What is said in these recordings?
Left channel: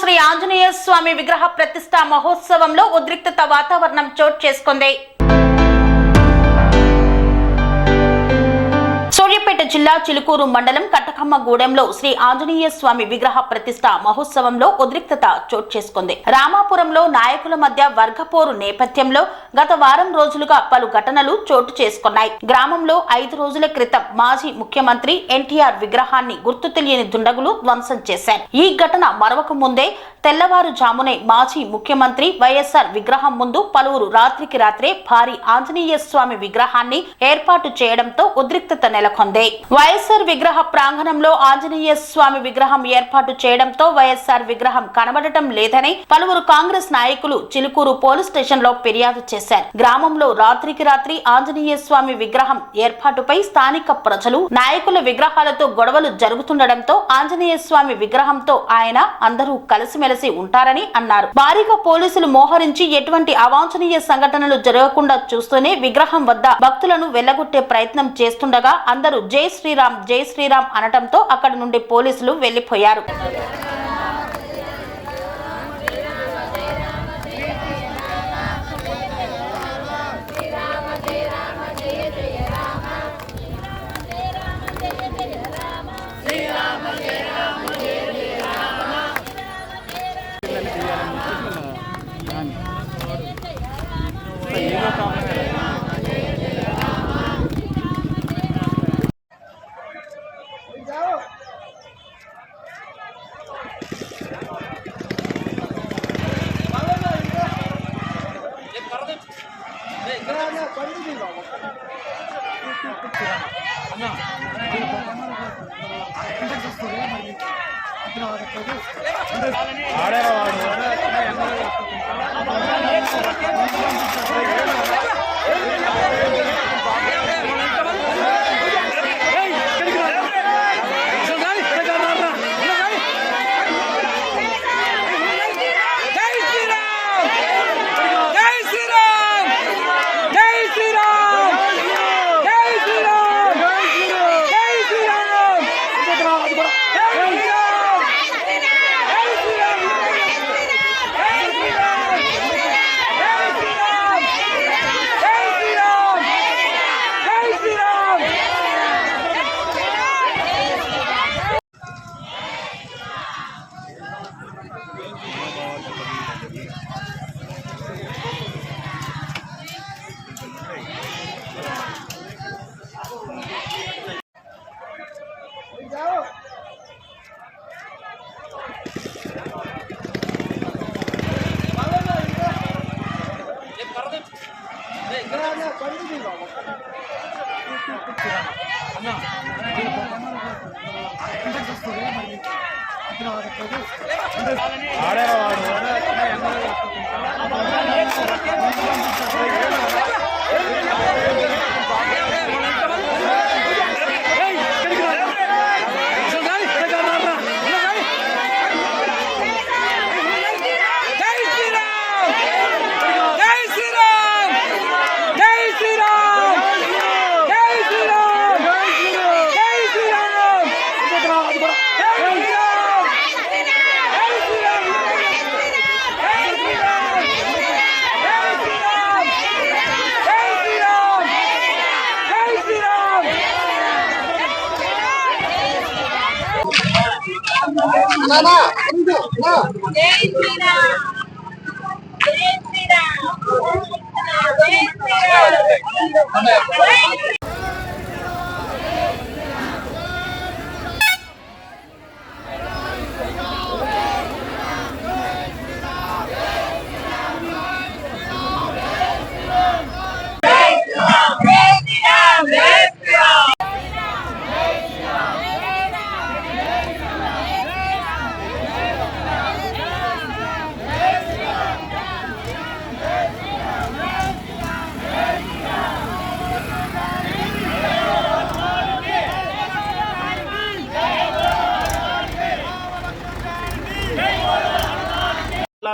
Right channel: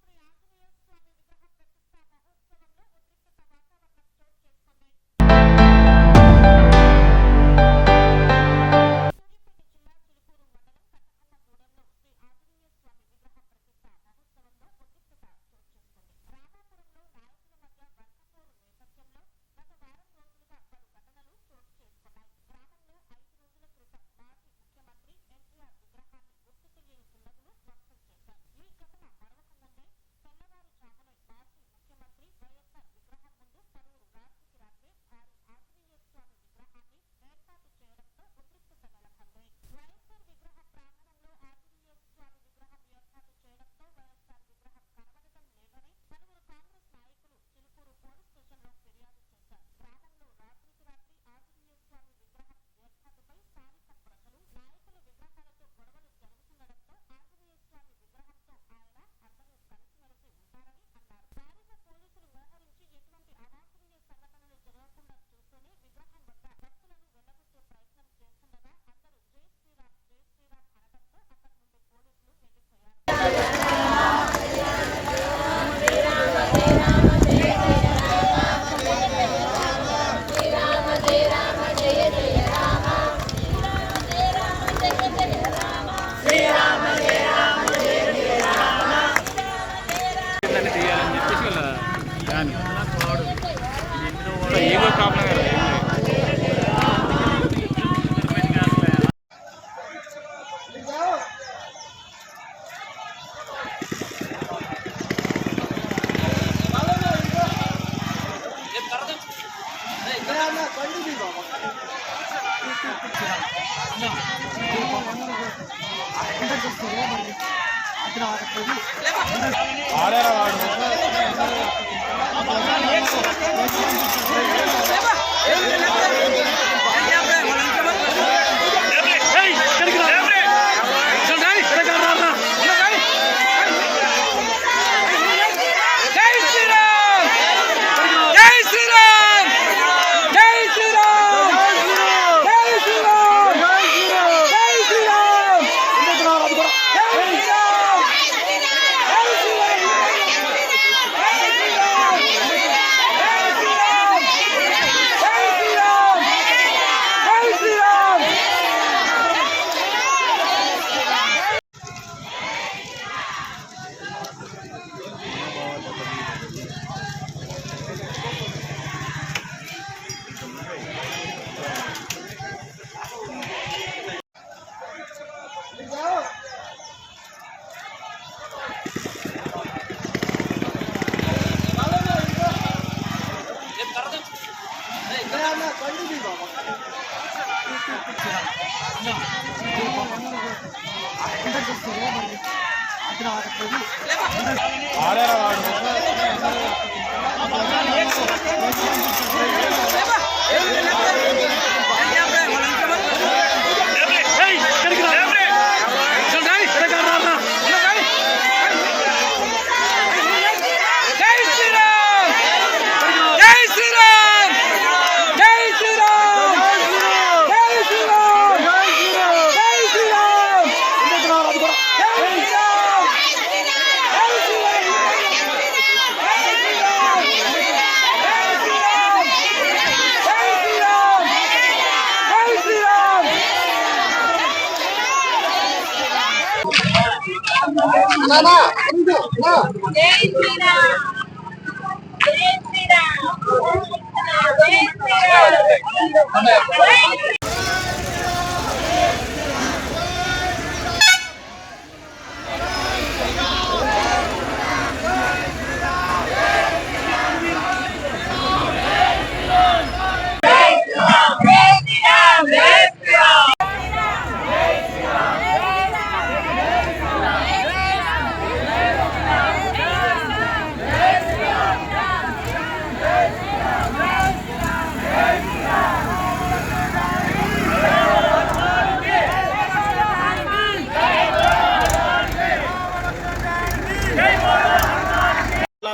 శ్రీ ఆంజనేయ స్వామి విగ్రహ ప్రతిష్ఠా మహోత్సవంలో ఉద్రిక్తత వాతావరణం చోటు చేసుకుంది. సూర్యాపేట జిల్లా చిలుకూరు మండలం కట్టకమ్మగూడెంలో శ్రీ ఆంజనేయ స్వామి విగ్రహ ప్రతిష్ఠ మహోత్సవంలో ఉద్రిక్తత చోటు చేసుకుంది. రామాపురంలో నాయకుల మధ్య వర్గపోరు నేపథ్యంలో గత వారం రోజులుగా పలు ఘటనలు చోటు చేసుకున్నాయి. గ్రామంలో 5 రోజుల క్రితం మాజీ ముఖ్యమంత్రి ఎన్టీఆర్ విగ్రహాన్ని గుర్తు తెలియని దుండగులు ధ్వంసం చేశారు. ఈ ఘటన మరొక ముందే తెల్లవారుజామునే మాజీ ముఖ్యమంత్రి వైఎస్ఆర్ విగ్రహం ముందు పలువురు రాత్రికి రాత్రే భారీ ఆంజనేయ స్వామి విగ్రహాన్ని ఏర్పాటు చేయడంతో ఉద్రిక్తత నెలకొంది. వైఎస్ఆర్ విగ్రహ ప్రాంగణంలో ఆంజనేయ స్వామి విగ్రహం ఏర్పాటు చేయడంతో వైఎస్ఆర్ విగ్రహం కనబడటం లేదని పలువురు కాంగ్రెస్ నాయకులు చిలుకూరు పోలీస్ స్టేషన్ లో ఫిర్యాదు చేశారు. గ్రామంలో రాత్రికి రాత్రి ఆంజనేయ స్వామి విగ్రహం ఏర్పాటుపై స్థానిక ప్రజలు నాయకుల విగ్రహాలతో గొడవలు జరుగుతుండటంతో ఆంజనేయ స్వామి విగ్రహంతో ఆయన అందరూ కలిసిమెలిసి ఉంటారని అన్నారు. భారీగా పోలీసులు మోహరించి ఎటువంటి అవాంఛనీయ సంఘటనలు జరగకుండా చూస్తూనే విగ్రహం వద్ద భక్తులను వెళ్లగొట్టే ప్రయత్నం చేస్తుండగా అందరూ జై శ్రీరామ్ జై శ్రీరామ్ అనటంతో అక్కడి నుండి పోలీసులు వెళ్లిపోయారు.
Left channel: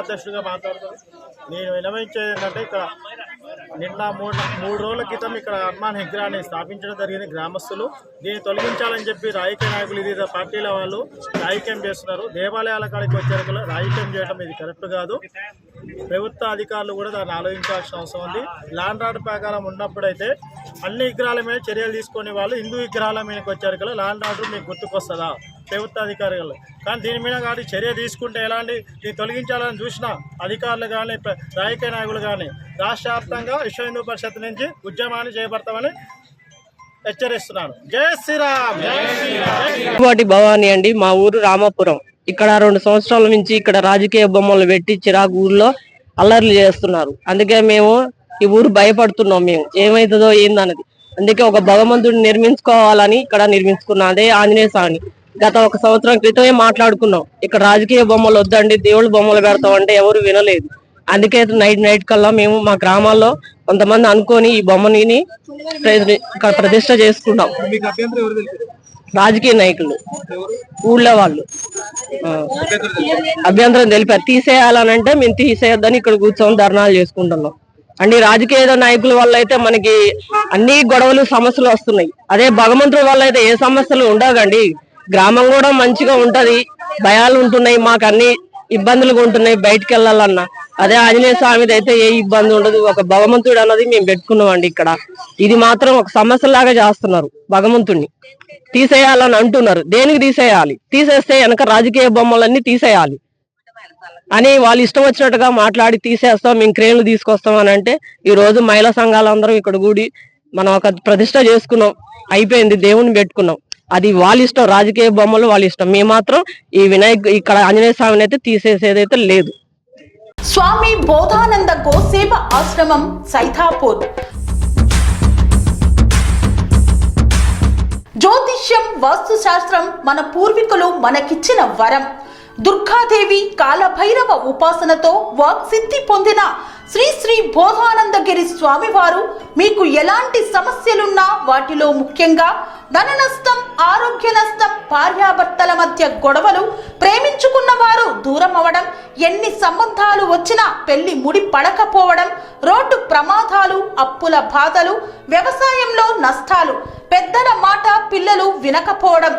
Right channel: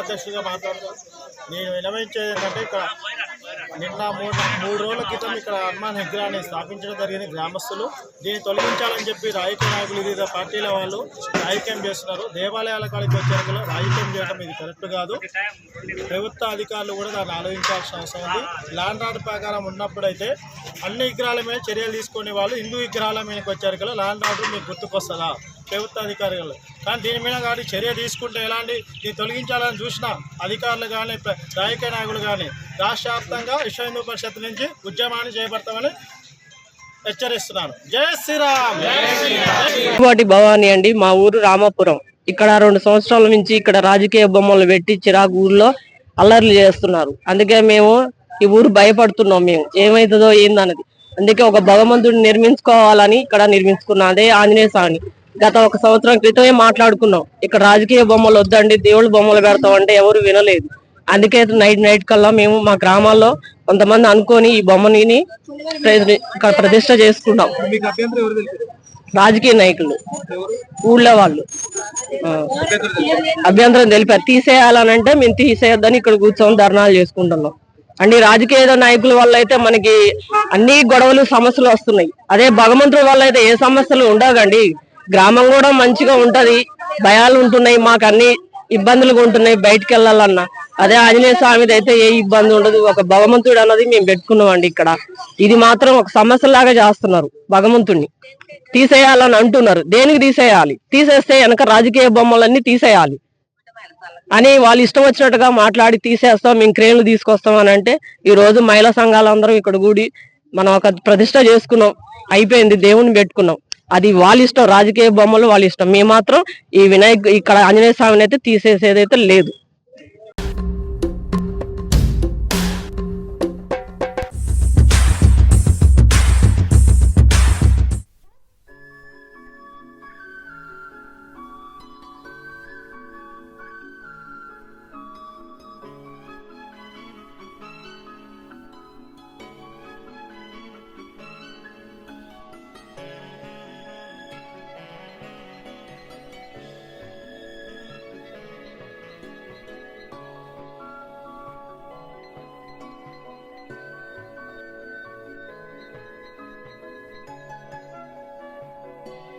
అధ్యక్షుడిగా మాట్లాడుతాను. నేను విన్నవించేది ఏంటంటే ఇక్కడ నిన్న మూడు రోజుల క్రితం ఇక్కడ హనుమాన్ విగ్రహాన్ని స్థాపించడం జరిగింది గ్రామస్తులు. దీన్ని తొలగించాలని చెప్పి రాజకీయ నాయకులు వివిధ పార్టీల వాళ్ళు రాజకీయం చేస్తున్నారు. దేవాలయాల కాడికి వచ్చారు రాజకీయం చేయడం ఇది కరెక్ట్ కాదు. ప్రభుత్వ అధికారులు కూడా దాన్ని ఆలోచించాల్సిన అవసరం ఉంది. ల్యాండ్ ఆర్డర్ ప్రకారం ఉన్నప్పుడైతే అన్ని విగ్రహాల మీద చర్యలు తీసుకునే వాళ్ళు హిందూ విగ్రహాల మీదకి వచ్చారు కదా, ల్యాండ్ ఆర్డర్ మీకు గుర్తుకొస్తుందా ప్రభుత్వ అధికారులు? కానీ దీని మీద కానీ చర్య తీసుకుంటే ఎలాంటి దీన్ని తొలగించాలని చూసిన అధికారులు కానీ రాజకీయ నాయకులు కానీ రాష్ట్ర వ్యాప్తంగా విశ్వ హిందూ పరిషత్ నుంచి ఉద్యమాన్ని చేపడతామని హెచ్చరిస్తున్నాను. జై శ్రీరామ్. వాటి భవానీ అండి, మా ఊరు రామాపురం. ఇక్కడ 2 సంవత్సరాల నుంచి ఇక్కడ రాజకీయ బొమ్మలు పెట్టి చిరాకు ఊర్లో అల్లర్లు చేస్తున్నారు. అందుకే మేము ఈ ఊరు భయపడుతున్నాం, మేము ఏమవుతుందో ఏందన్నది. అందుకే ఒక భగవంతుడిని నిర్మించుకోవాలని ఇక్కడ నిర్మించుకున్నాం. అదే ఆంజనేయ స్వామిని గత 1 సంవత్సరం క్రితమే మాట్లాడుకున్నాం. ఇక్కడ రాజకీయ బొమ్మలు వద్దండి, దేవుళ్ళ బొమ్మలు పెడతామంటే ఎవరు వినలేదు. అందుకే నైట్ కల్లా మేము మా గ్రామాల్లో కొంతమంది అనుకొని ఈ బొమ్మని ప్రతిష్ట చేసుకున్నాం. రాజకీయ నాయకులు ఊళ్ళో వాళ్ళు అభ్యంతరం తెలిపారు. తీసేయాలనంటే మేము తీసేయొద్దని ఇక్కడ కూర్చొని ధర్నాలు చేసుకుంటున్నాం. అండి రాజకీయ నాయకుల వల్ల అయితే మనకి అన్ని గొడవలు సమస్యలు వస్తున్నాయి. అదే భగవంతుడి వల్ల అయితే ఏ సమస్యలు ఉండవండి. గ్రామం కూడా మంచిగా ఉంటది, భయాలు ఉంటున్నాయి, మాకు అన్ని ఇబ్బందులుగా ఉంటున్నాయి బయటకు వెళ్ళాలన్నా. అదే ఆంజనేయ స్వామిది అయితే ఏ ఇబ్బంది ఉండదు. ఒక భగవంతుడు అన్నది మేము పెట్టుకున్నాం అండి. ఇక్కడ ఇది మాత్రం ఒక సమస్య లాగా చేస్తున్నారు. భగవంతుడిని తీసేయాలని అంటున్నారు. దేనికి తీసేయాలి? తీసేస్తే వెనక రాజకీయ బొమ్మలన్నీ తీసేయాలి అని వాళ్ళు ఇష్టం వచ్చినట్టుగా మాట్లాడి తీసేస్తాం, మేము క్రేన్లు తీసుకొస్తాం అని అంటే, ఈ రోజు మహిళా సంఘాలందరం ఇక్కడ కూడి మనం ఒక ప్రతిష్ట చేసుకున్నాం, అయిపోయింది, దేవుని పెట్టుకున్నాం. అది వాళ్ళ ఇష్టం, రాజకీయ బొమ్మలు వాళ్ళ ఇష్టం. మేము మాత్రం ఈ ఇక్కడ ఆంజనేయ స్వామిని అయితే తీసేసేదైతే లేదు. స్వామి బోధానంద గోసేవ ఆశ్రమం సైథాపూర్. జ్యోతిష్యం, వాస్తు శాస్త్రం మన పూర్వీకులు మనకిచ్చిన వరం. దుర్గాదేవి, కాలభైరవ ఉపాసనతో వాక్సిద్ధి పొందిన శ్రీ శ్రీ బోధానందగిరి స్వామివారు మీకు ఎలాంటి సమస్యలున్నా, వాటిలో ముఖ్యంగా ధన నష్టం, ఆరోగ్య నష్టం, భార్యాభర్తల మధ్య గొడవలు, ప్రేమించుకున్న వారు దూరం అవడం, ఎన్ని సంబంధాలు వచ్చినా పెళ్లి ముడి పడకపోవడం, రోడ్డు ప్రమాదాలు, అప్పుల బాధలు, వ్యవసాయంలో నష్టాలు, పెద్దల మాట పిల్లలు వినకపోవడం,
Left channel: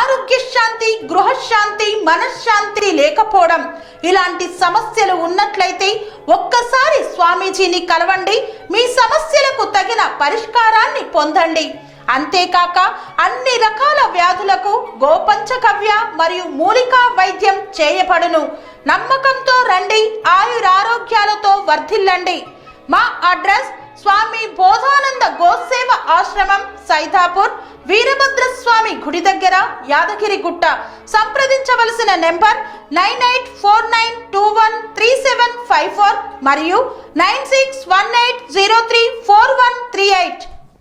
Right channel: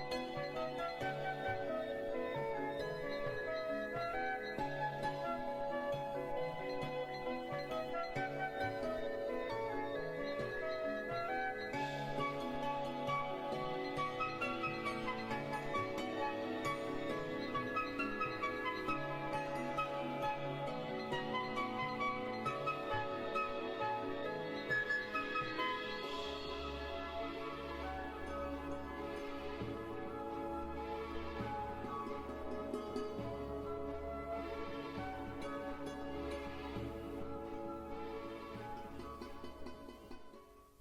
ఆరోగ్య శాంతి, గృహశాంతి, మనశ్శాంతి లేకపోవడం, ఇలాంటి సమస్యలు ఉన్నట్లయితే ఒక్కసారి స్వామీజీని కలవండి. మీ సమస్యలకు తగిన పరిష్కారాన్ని పొందండి. అంతేకాక అన్ని రకాల వ్యాధులకు గోపంచకవ్య మరియు మూలికా వైద్యం చేయబడును. నమ్మకంతో రండి, ఆయురారోగ్యాలతో వర్ధిల్లండి. మా అడ్రస్ స్వామి బోధానంద గోసేవ ఆశ్రమం, సైథాపూర్, వీరభద్రస్వామి గుడి దగ్గర, యాదగిరిగుట్ట. సంప్రదించవలసిన నెంబర్ 9849213754 మరియు 9618034138.